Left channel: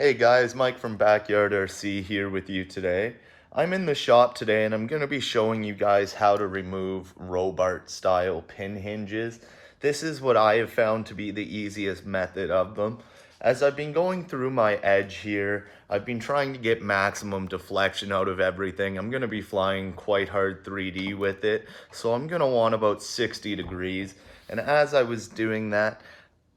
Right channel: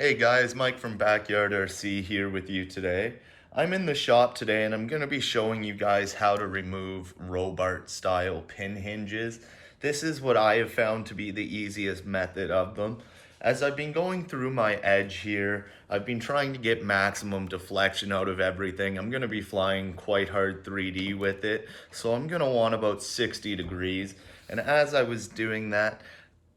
Hey guys, Mike from Backyard RC here with you today. I'm in the shop today and I'm going to be showing you guys how to remove Robart style pin hinges. This is what I have found to be the easiest method of them. As I've been going through my edge here, I've been trying to get maximum deflection out of everything. I'm going to be flying quite hard 3D with it, so I'm going to want about 60 degrees. And as I was doing that,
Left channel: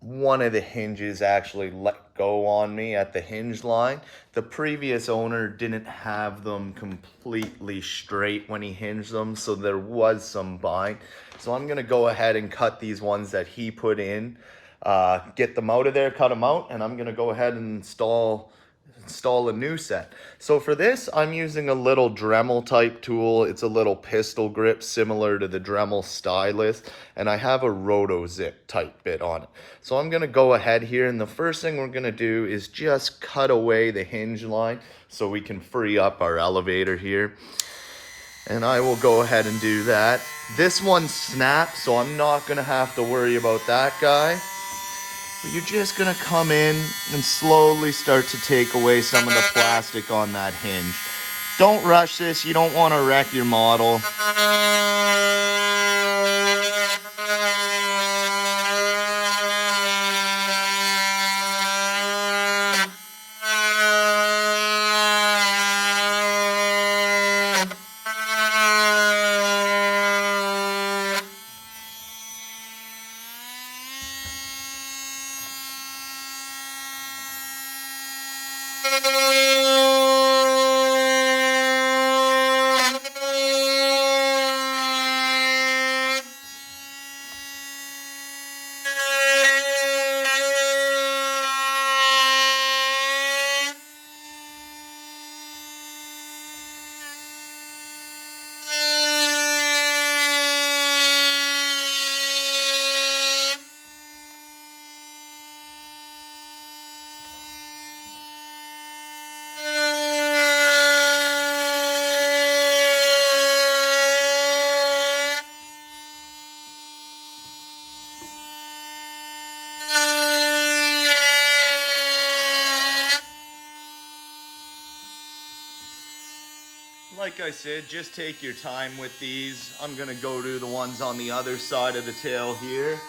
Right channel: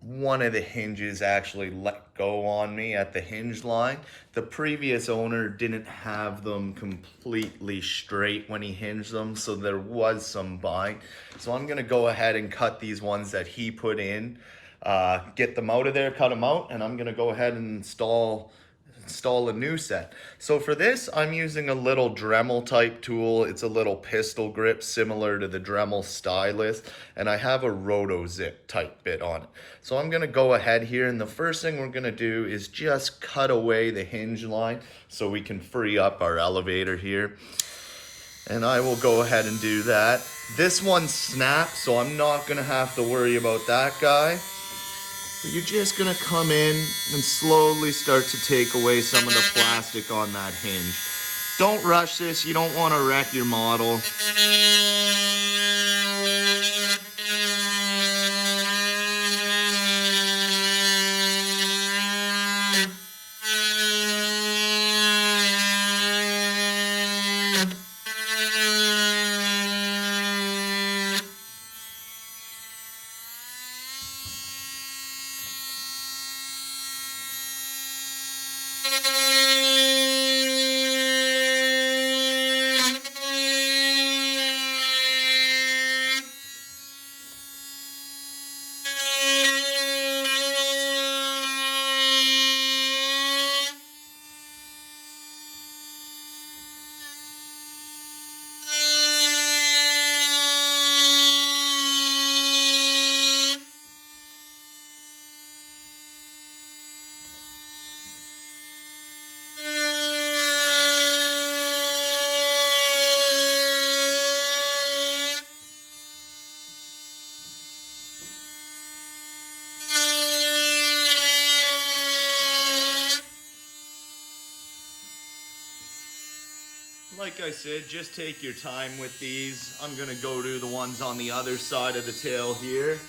one of the hinges actually let go on me at the hinge line. The previous owner didn't have them completely straight when he hinged them, so there was some bind. So I'm gonna go ahead and cut these ones that he put in, get them out of there, cut them out, and I'm gonna go ahead and install a new set. So for this, I'm using a little Dremel type tool. It's a little pistol grip similar to the Dremel stylus, and I have a roto zip type bit on it. So I'm gonna go ahead here, and the first thing we're gonna do is just cut away the hinge line so we can free up our elevator here. And I will go ahead and do that. This one snapped, so I'm not gonna have to worry about that guy. You're just gonna come in and slowly start to take away some of the plastic on that hinge. Don't rush this, you don't wanna wreck your model. Like I said, just take your time with these. I'm gonna go to the ones on the other side of the tail here.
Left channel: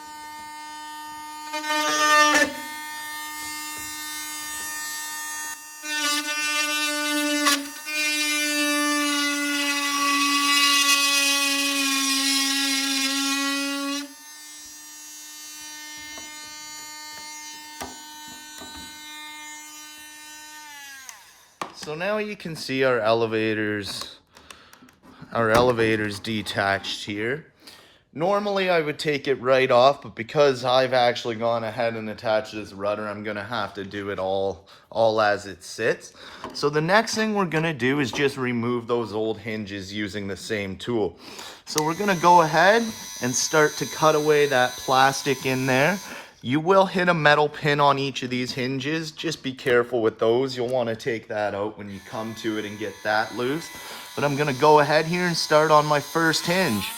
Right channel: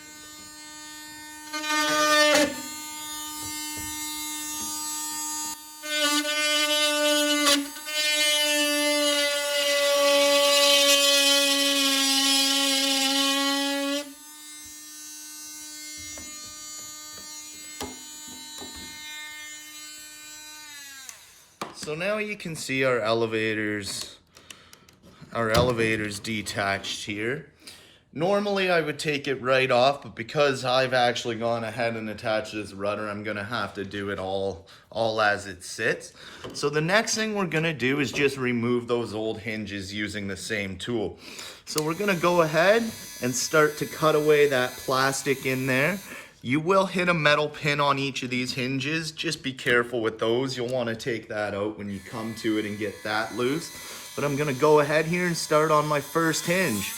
So now you can see our elevators detached here. Normally I would take it right off, but because I've actually gone ahead and attached this rudder, I'm gonna have to do it all as it sits. So the next thing we're gonna do is just remove those old hinges using the same tool. So we're gonna go ahead and start to cut away that plastic in there. You will hit a metal pin on each of these hinges. Just be careful with those. You'll want to take that out when you come to it and get that loose. But I'm gonna go ahead here and start on my first hinge.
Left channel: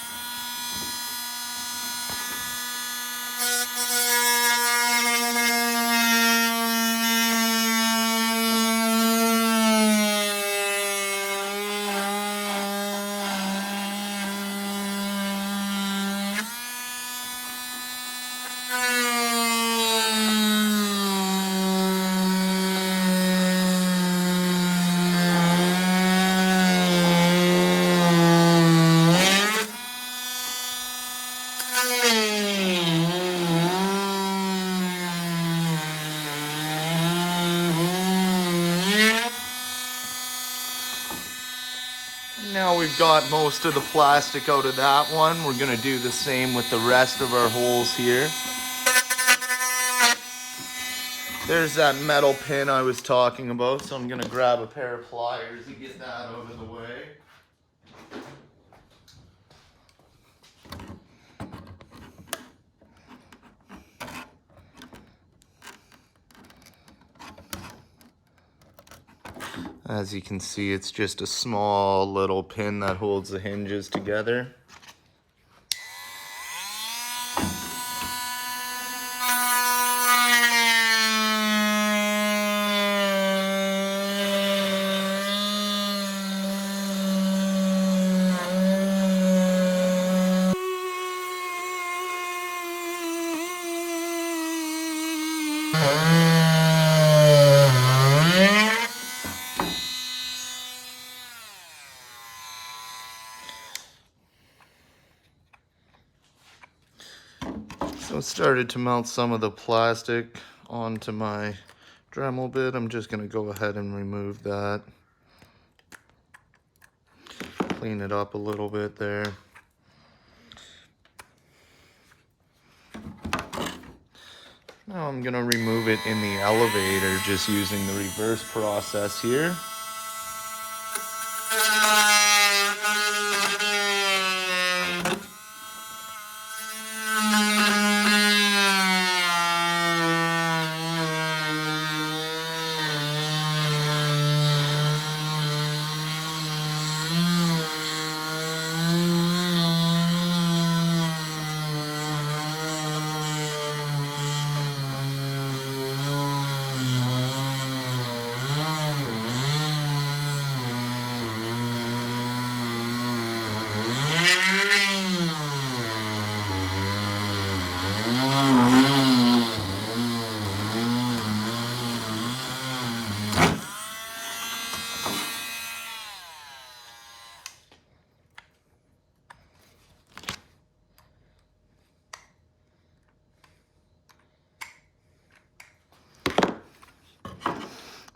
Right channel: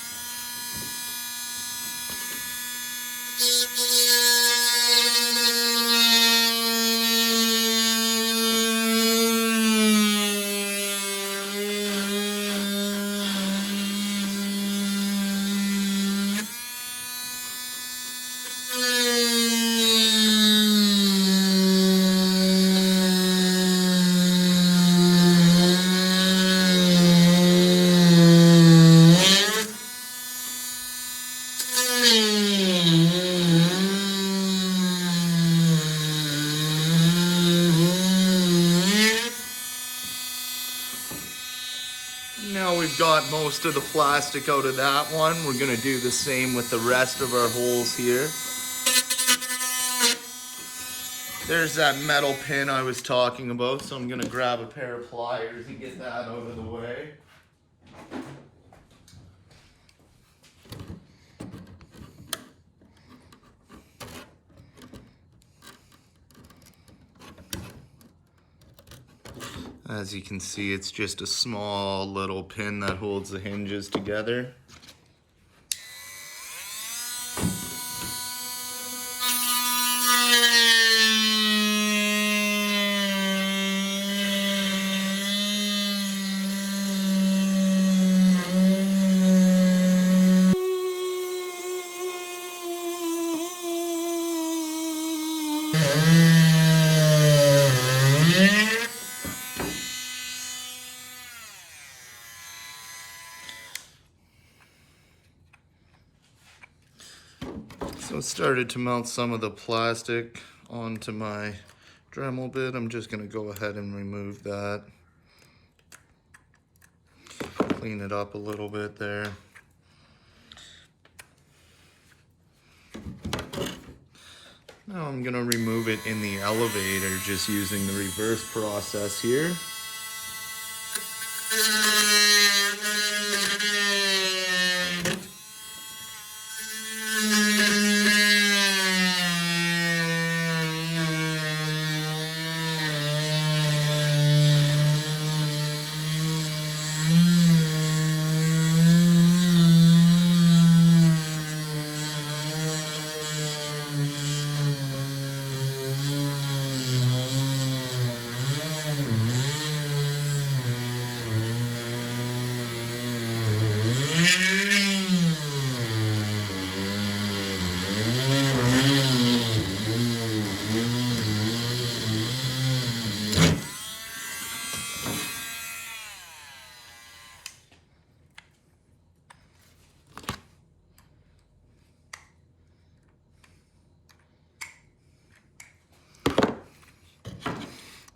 Now we've got most of the plastic out of that one. We're gonna do the same with the rest of our holes here. There's that metal pin I was talking about, so I'm gonna grab a pair of pliers and get that out of the way. As you can see, it's just a small little pin that holds the hinges together. So I started to melt some of the plastic onto my Dremel bit. I'm just going to go ahead and remove that. Clean it up a little bit there. Now I'm going to remove it in the elevator just using the reverse process here.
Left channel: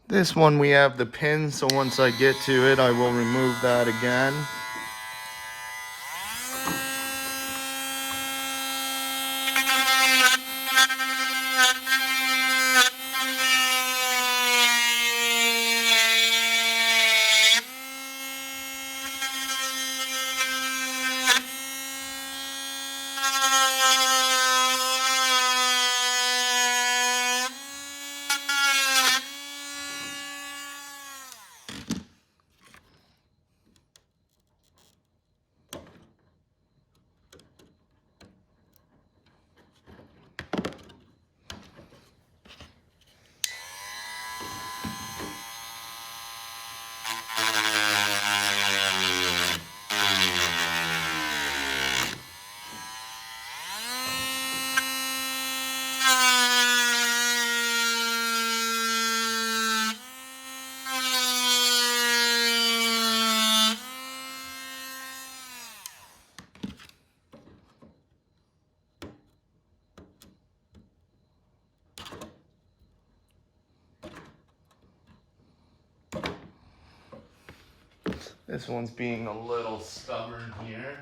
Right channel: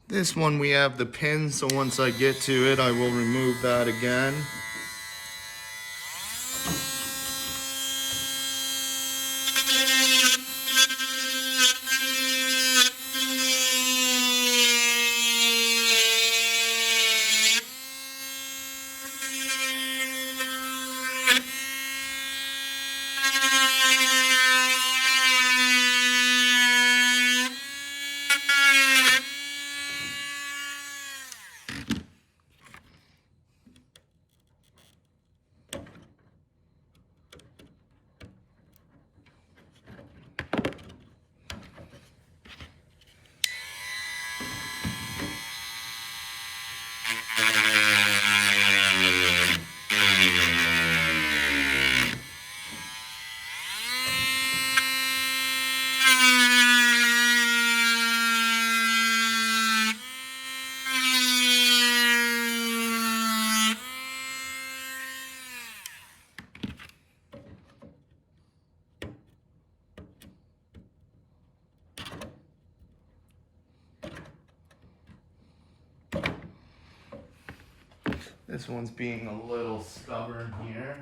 This one we have the pin, so once I get to it, I will remove that again. This one's being a little stubborn here.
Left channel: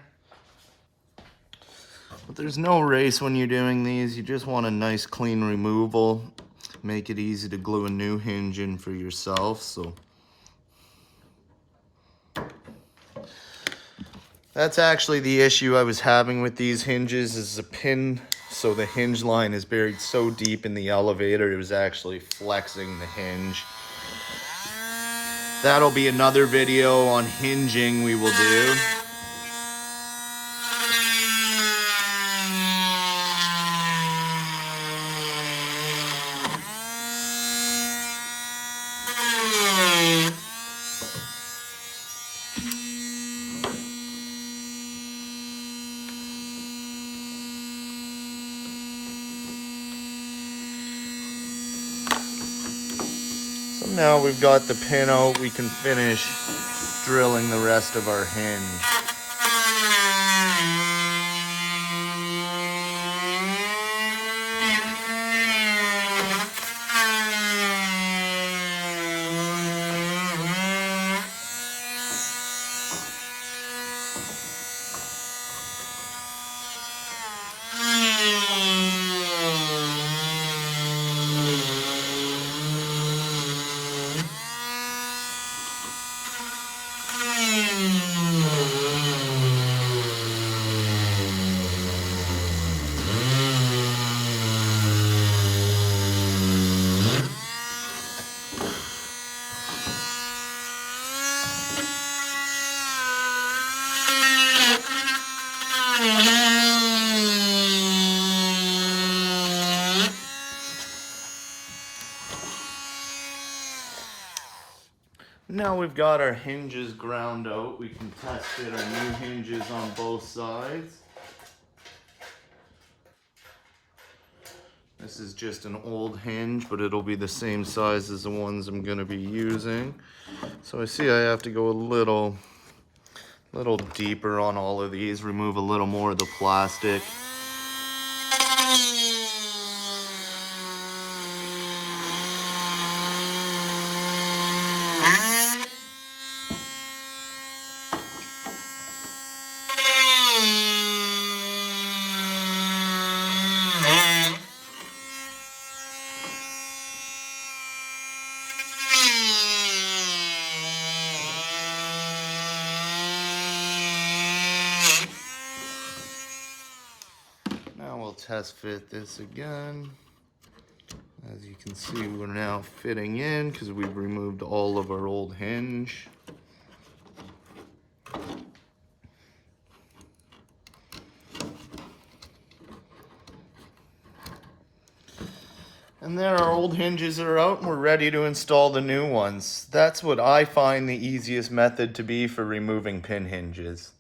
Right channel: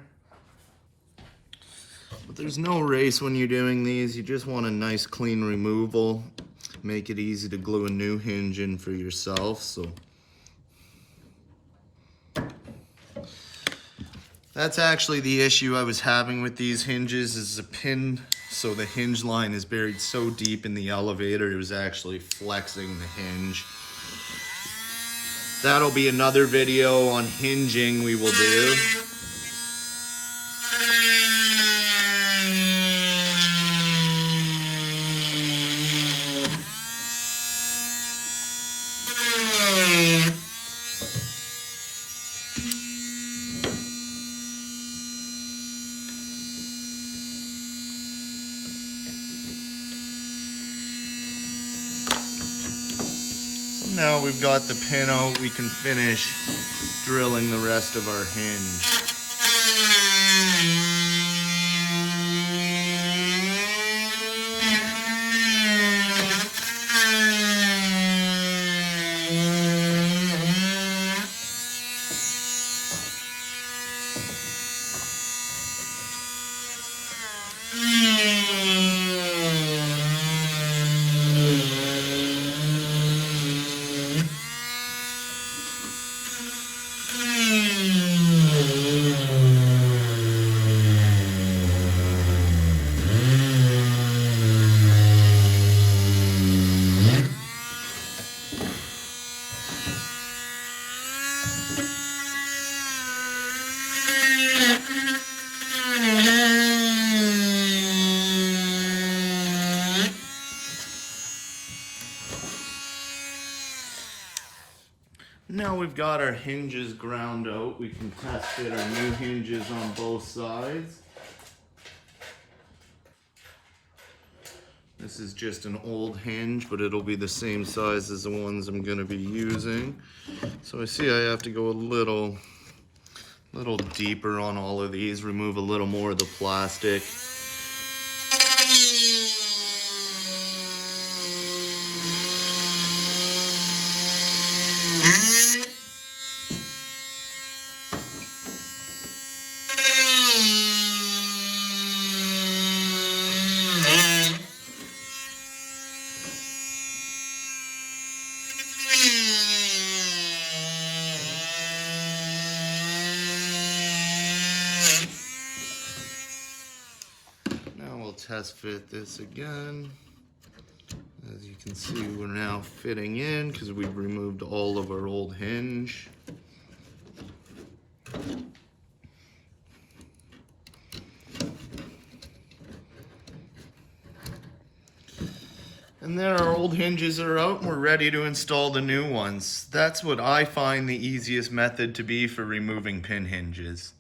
But there's no race when you're doing these. You just want a nice clean removal. Make it easy to glue a new hinge in for yourself. So that's actually the issue I was having with these hinges, is a pin. So the hinge line is buried so deep in the elevator, it was actually flexing the hinge. That'll be another video on hinging we will do. Now we've got the pin out, we can finish drilling the rest of our hinge. Now we've got our hinges ground out, we can test fit our new hinges on both sides. This is just an old hinge, but it'll be the same size as the ones I'm going to be using. So I see I have to go a little deeper on all of these, remove a little more of the plastic. test fit this again. As you can see, we're now fitting in because we've removed all of our old hinge. And then our old hinges are out and we're ready to install the new ones. That's what I find the easiest method to be for removing pin hinges.